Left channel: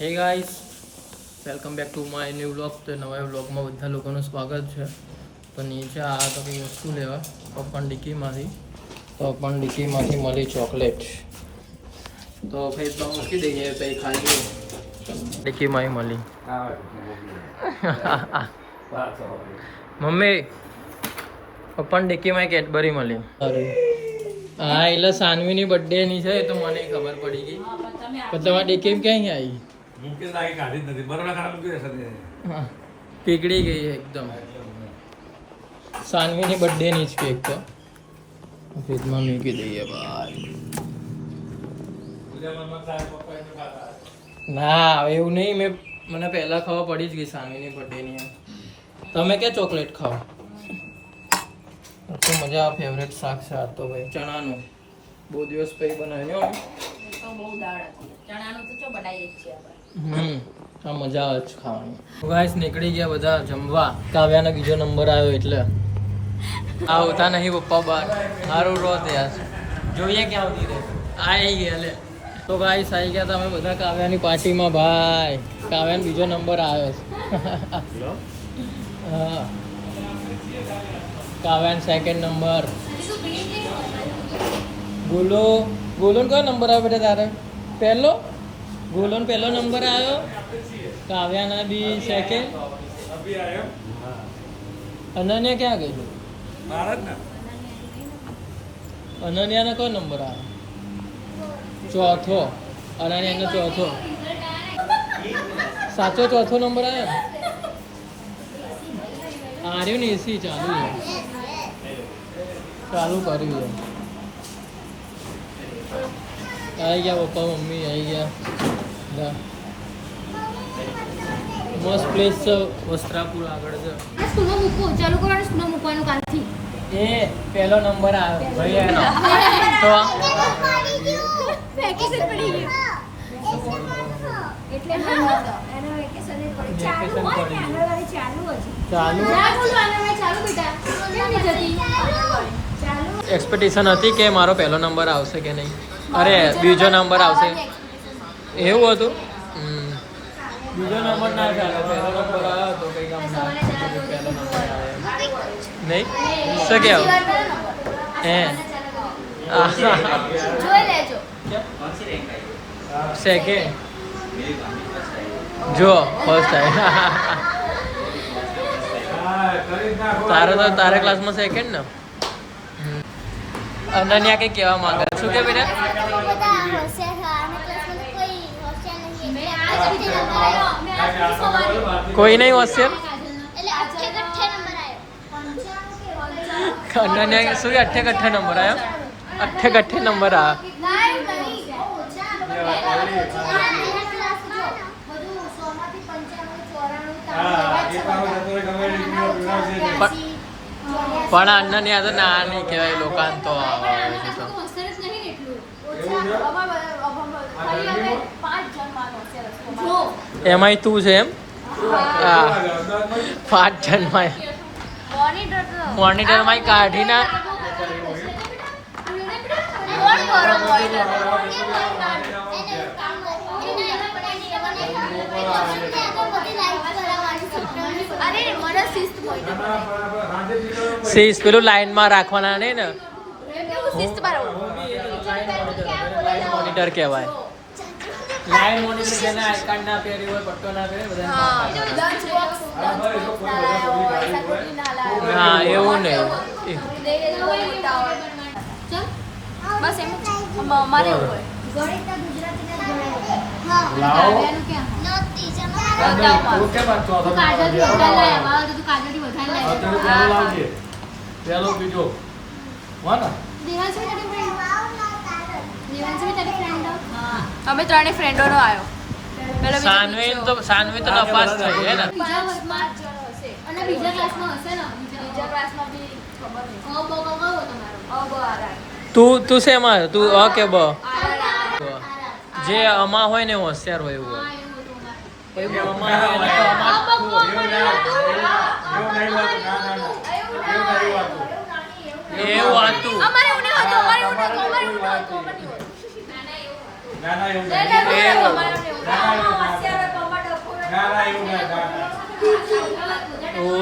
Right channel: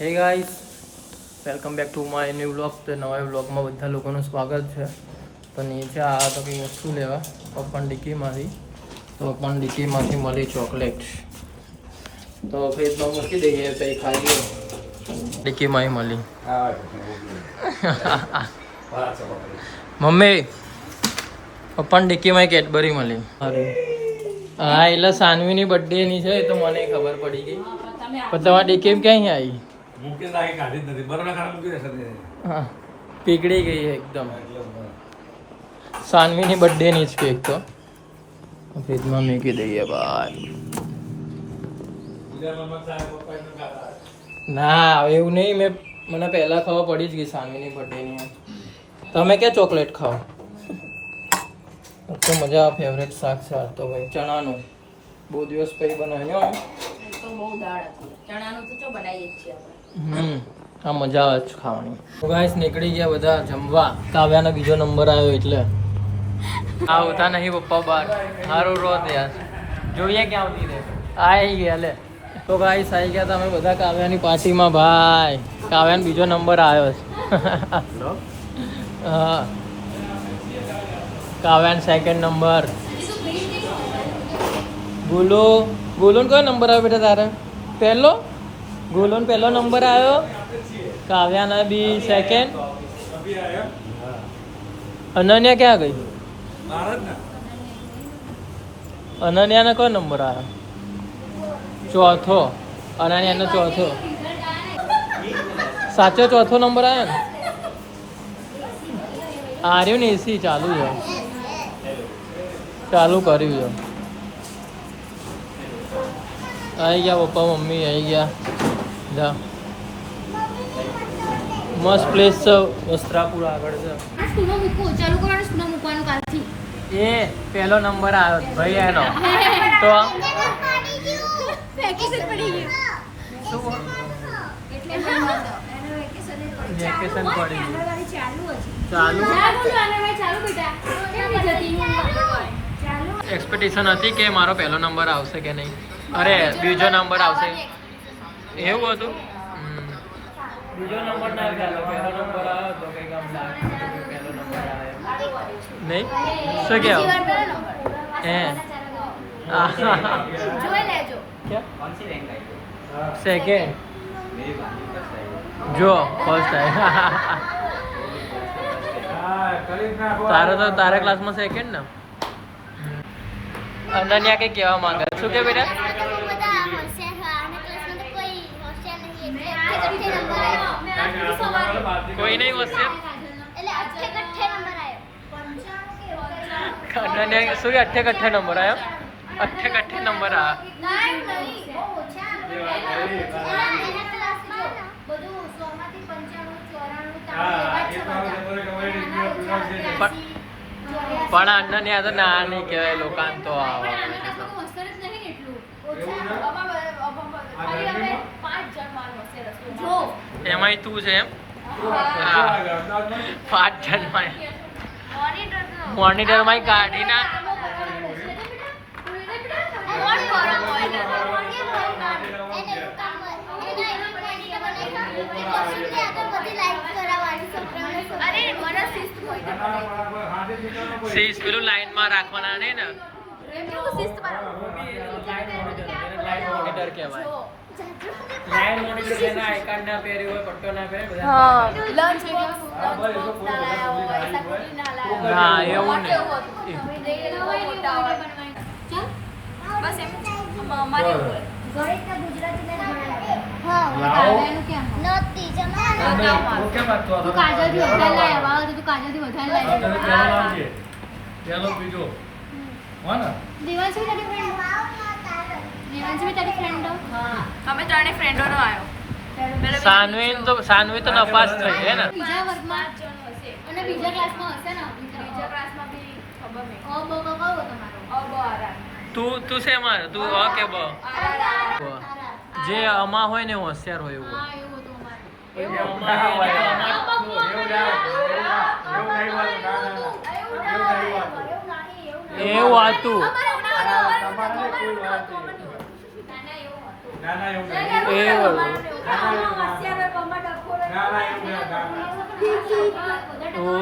હે guys, welcome back to my new vlog. તો નવા વ્લોગમાં બધા લોકોનું સ્વાગત છે. તો નીચે આ તો કંઈ વસ્તુ લેવા પપ્પાની ડિક્કીમાંથી. તો પપ્પાની ડિક્કીમાંથી મળી ચોકલેટ. તો ફ્રીજમાં મૂકી દઈએ તો એ ખાઈ ગયો. ડિક્કીમાં મળી. મમ્મી, પપ્પાની ડિક્કીમાં કેડબરી મળી. અરે હા, એટલે સાનવીની બર્થડેની છે તો મને ખબર પડી ગઈ. પણ તમારી ડિક્કી ક્યાં આવી? હા, પીગળી ગઈ એકદમ. સાનવીની બર્થડેની જ કેક તો ફ્રીજમાં મૂકી દઈએ ભાઈ. ના એવું નહીં, મને પહેલા ખબર પડી જ ગઈ સાનવીની બર્થડેની. તમે ક્યાં ચોકલેટ ખાઓ? તો મજા ફેવરેટ શાક છે આ તો ભાઈ, ચણાનું. બહુ દિવસ પછી બનાવ્યો. આ મજા આવે છે ખાવાની. ગાઈસ નીકળી ગયા બધા જમવા. કાવ્યાનો બીજો નંબર આવ્યો એટલે આવતા નહીં પપ્પા બાર. સારું રોત યાર, જોઈએ ક્યાં આવી ગયા લે. તો ગાઈસ આવી ગયા તમે બધા કાવ્યાની પાર્ટીમાં ભાઈ. કાવ્યાનો બીજો નંબર આવ્યો છે. હા, કાવ્યાનો સેકન્ડ નંબર. ગોલુન કયો નંબર આવ્યો બેટા તારે? પહેલો. ગોલુન પહેલો નંબર આવ્યો. કાવ્યાના બી સેકન્ડ. અનન્યા ક્યાં ગઈ? અનન્યાનો કયો નંબર આવ્યો? ચોથો. અનન્યાનો ચોથો. સાચો ચોથો નંબર આવ્યો ને? આર્યું ને એસી ચાલુ છે, ચાલુ કર્યું છે. આવી ગયા પપ્પા મમ્મી આવી ગયા. મસ્ત પ્લેસ છે, વસ્ત્રાપુર આગળ છે. એ પહેલો નંબર આવ્યો ભાઈ એનો. તો વેકેશન પડી ગયું. એક્સપેક્ટેશન હતી કે મારો પહેલો નંબર આવશે કે નહીં, અરે બીજો નંબર આવશે એવું હતું. બીજો નંબર ના ચાલે, પહેલો નંબર આવ્યો તો કંઈક આમ પહેલો નંબર આવે નહીં. શું કહેવું હે? સેકન્ડ જો ફર્સ્ટ તારો તો તારા ક્લાસમાં સેકન્ડ ને. અનન્યા કઈ કહેવા માંગે? શું કે બેટા? કોઈ નહીં હોશિયાર. અનન્યા શું કે 88 નંબર આવ્યો? 88 નંબર પણ અનન્યા તો ના નહીં કહેવાય લોકાન તો આવે છે. તો એમાંય તું છે એમ? હા, 5 જણમાં મોનિટરમાં કાઢી ના. શીશ પેલું લાઈનમાં રાખવાના નહીં ને. લાઈન મોનિટર કહેવાય. લાઈન મોનિટર જેને આઈ કાર્ડ ના પહેર્યું હોય, પટ્ટો ના પહેરે બધા. ના એવું નહીં. સાનવી તો નપાસ થઈ છે ને. તું શેમાં? તું ઓકે બ જે અમા હોય ને હોશિયાર હોય એવું એવું હતું. એવું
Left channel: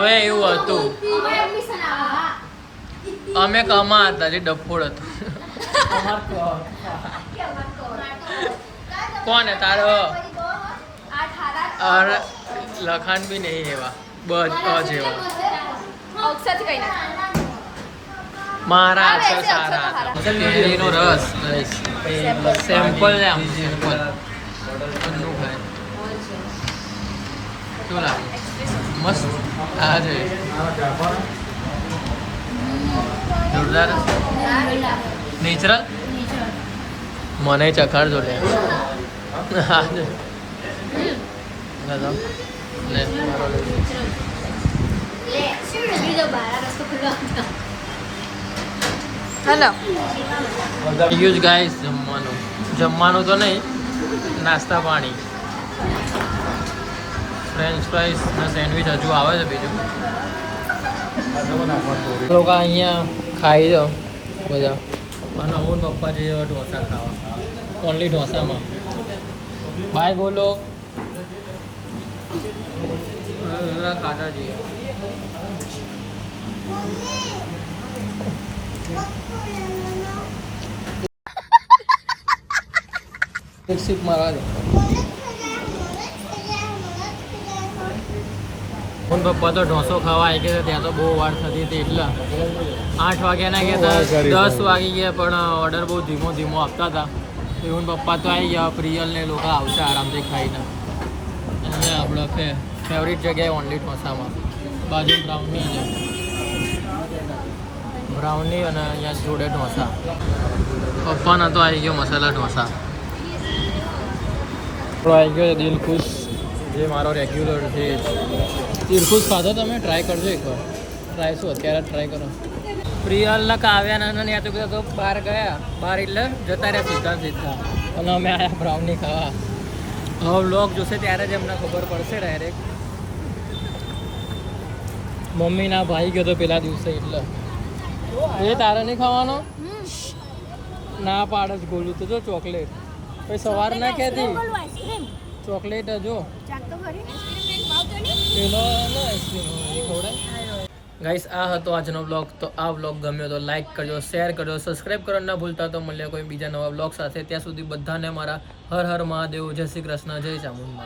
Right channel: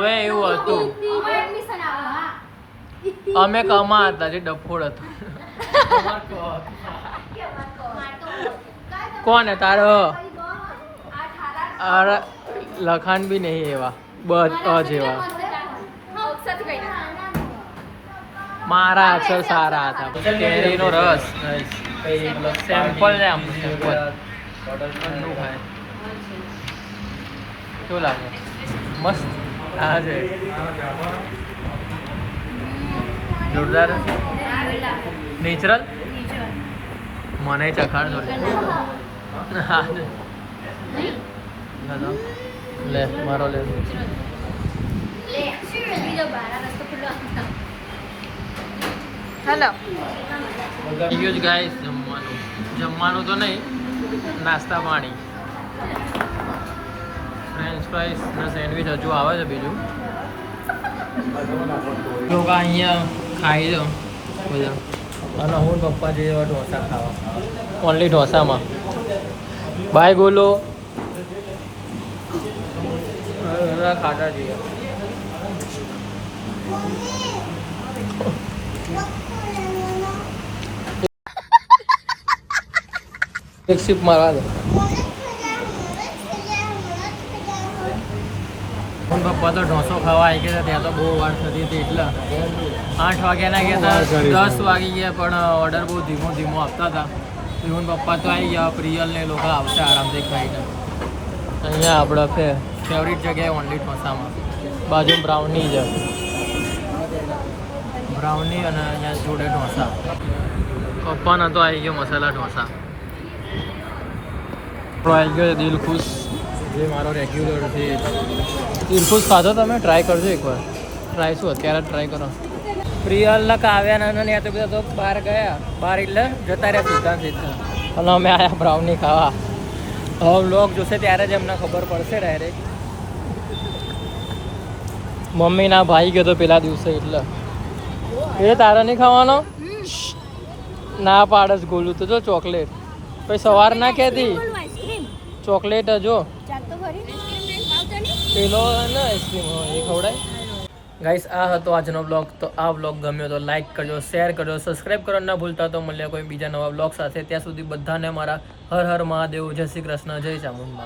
હવે એવું હતું, અમે કમા હતા, જે ડફોડ હતું. કોણ તારો લખાણ બી નહીં એવા જેવા. મારા અક્ષર સારા હતા. કેરીનો રસ સેમ્પલ લે આમ સેમ્પલ ઠંડુ ખાય શું લાગે? મસ્ત. આ છે જોરદાર નેચરલ. મને ચખાડજો લે. લે મારો હેલો યુઝ ગાઈસ જમવાનું તો નહીં, નાસ્તા પાણી, ફ્રેન્ચ ફ્રાઈસ ને સેન્ડવિચ હજુ આવે છે બીજું. લોકો અહીંયા ખાઈ દો બધા, અને હું પપ્પા જઈએ ઢોસા ખાવા, ઓનલી ઢોસામાં. બાય બોલો ખાતા જઈએ. એક સિપ મારવા દો. હું પપ્પા તો ઢોસો ખાવા આવી ગયા ત્યાં તો બહુ વાર થતી હતી, એટલે 8 વાગ્યાના ગયા હતા, 10 વાગી ગયા, પણ ઓર્ડર બહુ ધીમો ધીમો આપતા હતા. હું પપ્પા તો આવી ગયા, પ્રિયલ ને લોકો આવશે આરામથી ખાઈને. અહીંયા આપણે ફેવરિટ જગ્યાએ ઓનલી ઢોસામાં, બાજુ બ્રાઉની છે, બ્રાઉની અને અહીંયા જોડે ઢોસા. પપ્પાના તો આવી ગયો મસાલા ઢોસા. આવી ગયો દિલખુશ, જે મારો રેગ્યુલર છે. દિલખુશ ખાધો તમે? ટ્રાય કરજો એકવાર. ટ્રાય શું અત્યારે ટ્રાય કરો. પ્રિયલના કાવ્યાના ને તો બધા તો બહાર ગયા, બહાર એટલે જતા રહ્યા સીધા. અને અમે આવ્યા બ્રાઉની ખાવા. હવે વ્લોગ જોશે ત્યારે જ એમને ખબર પડશે ડાયરેક્ટ. મમ્મીના ભાઈ ગયો તો પેલા દિવસે, એટલે એ તારે નહીં ખાવાનો ના પાડસ. ગોલું તો જો ચોકલેટ, પછી સવાર ના કહેતી ચોકલેટ જો પેલો ને આઈસ્ક્રીમ એ ખવડાય. ગાઈસ આ હતો આજનો બ્લોગ. તો આ બ્લોગ ગમ્યો તો લાઈક કરજો, શેર કરજો, સબસ્ક્રાઈબ કરવાનું ના ભૂલતા. તો મળીએ કોઈ બીજા નવા બ્લોગ સાથે. ત્યાં સુધી બધાને મારા હર હર મહાદેવ, જય શ્રી કૃષ્ણ, જય ચામુંડા.